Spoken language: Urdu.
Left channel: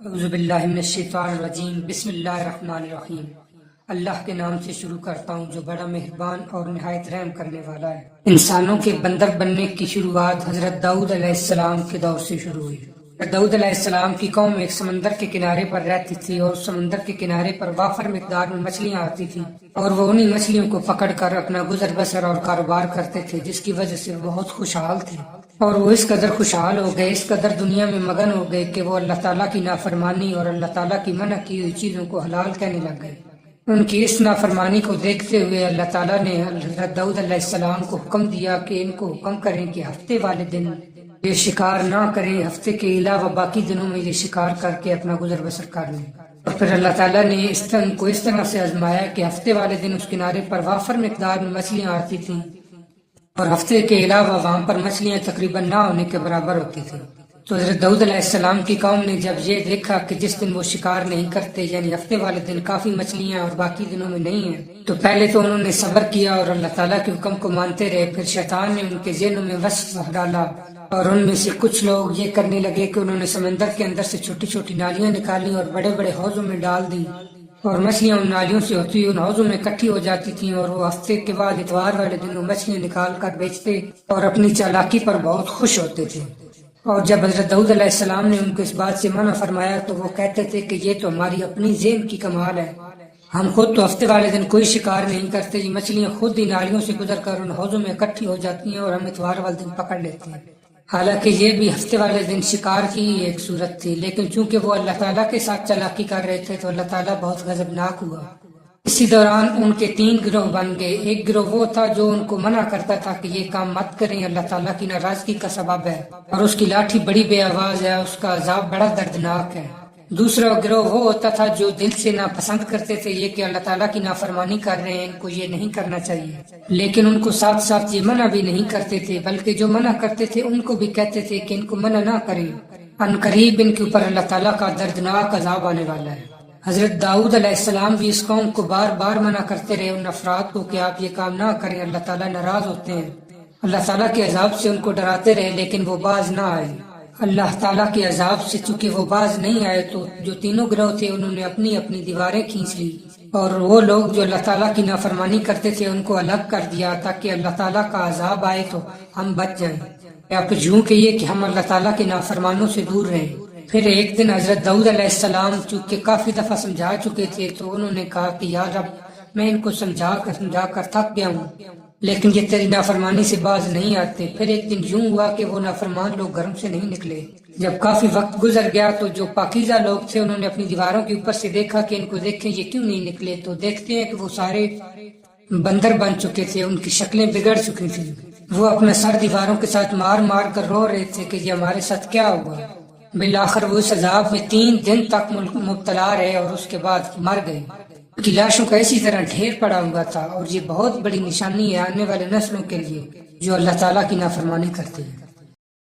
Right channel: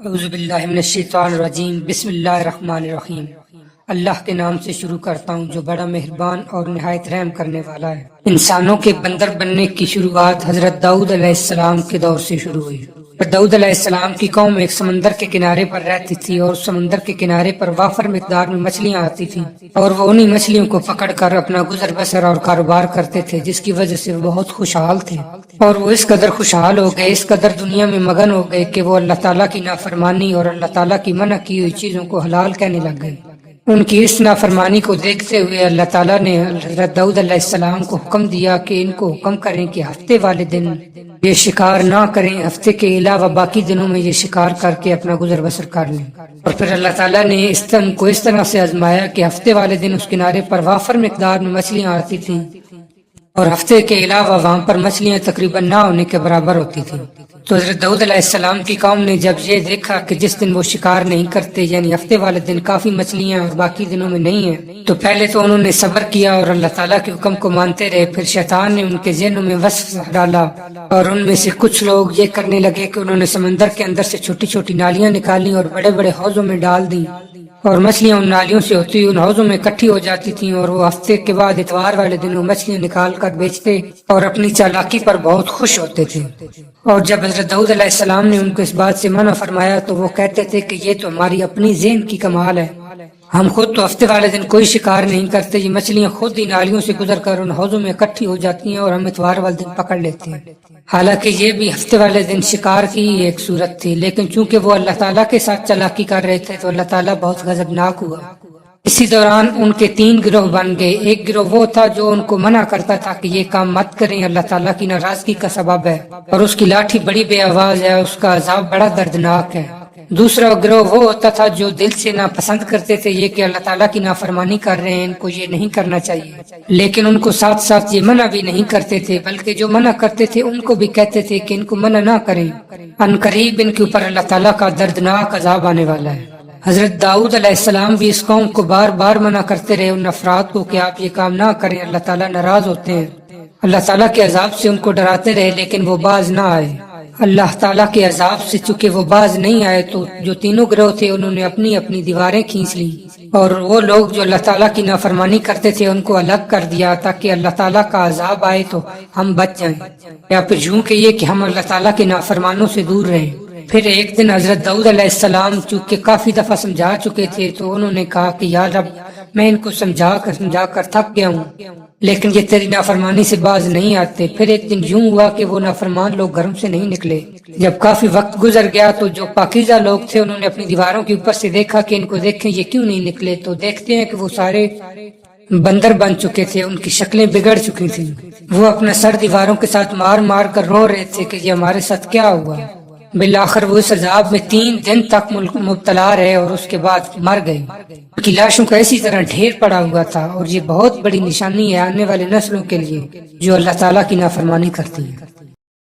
اعوذ باللہ من الشیطان الرجیم، بسم اللہ الرحمن الرحیم۔ اللہ کے نام سے شروع کرتا ہوں جو بڑا مہربان اور نہایت رحم کرنے والا ہے۔ انسانوں کے بندر بننے کی شروعات حضرت داؤد علیہ السلام کے دور سے شروع ہوئی۔ داؤد علیہ السلام کی قوم ایک سمندر کے کنارے پر رہتی تھی اور سمندر کے کنارے پر وافر مقدار میں مچھلیاں آتی تھیں اور وہ انہی مچھلیوں کو پکڑ کر اپنا گزر بسر اور کاروبار کرتے تھے، جس کی وجہ سے وہ بہت خوشحال تھے۔ اور وہ اس قدر خوشحال ہو گئے، اس قدر دنیا میں مگن ہو گئے کہ وہ اللہ تعالیٰ کی نافرمانی اور اللہ تعالیٰ کی منع کی ہوئی چیزوں کو حلال کہنے لگ گئے۔ ان کی اس نافرمانی کو دیکھتے ہوئے اللہ تعالیٰ نے حضرت داؤد علیہ السلام کو حکم دیا کہ ان کو حکم کریں کہ ہفتے والے دن یہ شکار نہ کریں، ہفتے کے علاوہ باقی دنوں میں یہ شکار کر کے اپنا گزر بسر کر لیں۔ اور پھر اللہ تعالیٰ نے کو اس طرح سے آزمایا کہ ہفتے والے دن اس کنارے پر وافر مقدار میں مچھلیاں آتی تھیں اور ہفتے کے علاوہ وہاں پر مچھلیاں تقریباً نہ ہونے کے برابر ہوتی تھیں۔ تو حضرت داؤد علیہ السلام کی قوم نے جب یہ دیکھا کہ جس دن وہ شکار نہیں کرتے، یعنی ہفتے والے دن کافی مچھلیاں اور باقی دنوں میں نہیں ہیں، تو پہلے تو انہوں نے صبر کیا اور اللہ تعالیٰ کے حکم کو مانتے رہے۔ پھر شیطان نے ان کے ذہنوں میں وسوسہ ڈالا اور ان میں سے کچھ لوگ یہ کرنے لگے کہ انہوں نے سمندر کے اندر سے چھوٹی چھوٹی نالیاں نکالی اور بڑے بڑے حوضوں میں ڈال دیں، اور مچھلیاں ان نالیوں سے ہوتی ان حوضوں میں اکٹھی ہو جاتی تھیں، اور وہ ہفتے کے بعد اتوار والے دن وہ مچھلیاں نکال کر بیچتے اور اپنی چالاکی پر بہت خوش ہوتے تھے۔ اور جب حضرت داؤد علیہ السلام نے ان کو اس بات سے منع فرمایا تو وہ کہتے تھے کہ یہ تو ہماری اپنی ذہن کی کمال ہے، ہم خود تو ہفتے والے دن کوئی شکار نہیں کرتے، یہ مچھلیاں خود ہی نالیوں سے گزر کر ان حوضوں میں اکٹھی ہو جاتی ہیں اور ہم اتوار والے دن پکڑ لیتے ہیں۔ حالانکہ یہ بھی ہفتے والے دن شکار کی ہی ایک صورت تھی، لیکن چونکہ وہ اللہ تعالیٰ کے ساتھ چالاکی کر رہے تھے تو اللہ تعالیٰ بہت غضبناک ہوا۔ اسی دوران ان کے 3 گروہ بن گئے۔ ایک گروہ وہ تھا جو ان کو منع کرتا تھا کہ یہ کام مت کریں، اللہ تعالیٰ کی ناراضگی کا سبب ہے اور اس کی لاٹھی بڑی بے آواز ہے، اس کا عذاب بڑا دردناک ہے۔ دوسرا گروہ وہ ہوتا تھا جو دل سے ناپسند کرتے تھے یہ کہ اللہ تعالیٰ کی نافرمانی کر رہے ہیں، ان کو یہ نہیں کرنا چاہیے، لیکن ان کو ساتھ ساتھ یہ منع بھی نہیں کرتے تھے، بلکہ جو منع کرتے تھے ان کو بھی کہتے تھے کہ ان کو منع نہ کریں، ان قریب ان کے اوپر اللہ تعالیٰ کا دردناک عذاب آنے والا ہے۔ حضرت داؤد علیہ السلام بھی اس قوم کو بار بار منع کرتے رہے، ان افراد کو، کہ آپ یہ کام نہ کریں، اللہ تعالیٰ ناراض ہوتے ہیں۔ اللہ تعالیٰ کے عذاب سے ان کو ڈراتے رہے، لیکن وہ باز نہ آئے۔ اللہ تعالیٰ کے عذاب سے چونکہ وہ باز نہیں آئے تو جو تینوں گروہ تھے انہوں نے اپنی اپنی دیواریں کھینچ لی، اور وہ لوگ جو اللہ تعالیٰ کی نافرمانی کرتے تھے ان کو الگ کر دیا تاکہ اللہ تعالیٰ کا عذاب آئے تو ہم بچ جائیں، یا پھر یوں کہیے کہ ہم اللہ تعالیٰ کے نافرمانوں سے دور رہیں۔ پھر ایک دن حضرت داؤد علیہ السلام چونکہ کافی دفعہ سمجھا چکے تھے تو انہوں نے کہا کہ یا رب، میں ان کو سمجھا کر تھک گیا ہوں، لیکن یہ تیری نافرمانی سے باز نہیں آتے۔ پھر ایک دن یوں ہوا کہ وہ نافرمان لوگ گھروں سے نہیں نکلے۔ جب کافی وقت گزر گیا تو جو پاکیزہ لوگ تھے انہوں نے اپنی دیواروں کے اوپر سے دیکھا کہ ان کو دیکھیں یہ کیوں نہیں نکلے، تو دیکھتے ہیں کہ وہ سارے بندر بن چکے تھے، ان کی شکلیں بگڑ چکی تھیں۔ وہ اپنا سر دیواروں کے ساتھ مار مار کر رو رہے تھے کہ یہ ہمارے ساتھ کیا ہوا۔ بالآخر وہ اس عذاب میں 3 دن تک مبتلا رہے اور اس کے بعد مر گئے۔ ان کی لاشوں کا اسی طرح ڈھیر پڑا ہوا تھا، اور یہ بہت بڑی نشانی ہے آنے والے نسلوں کے لیے جو اللہ تعالیٰ کی نافرمانی کرتی ہے۔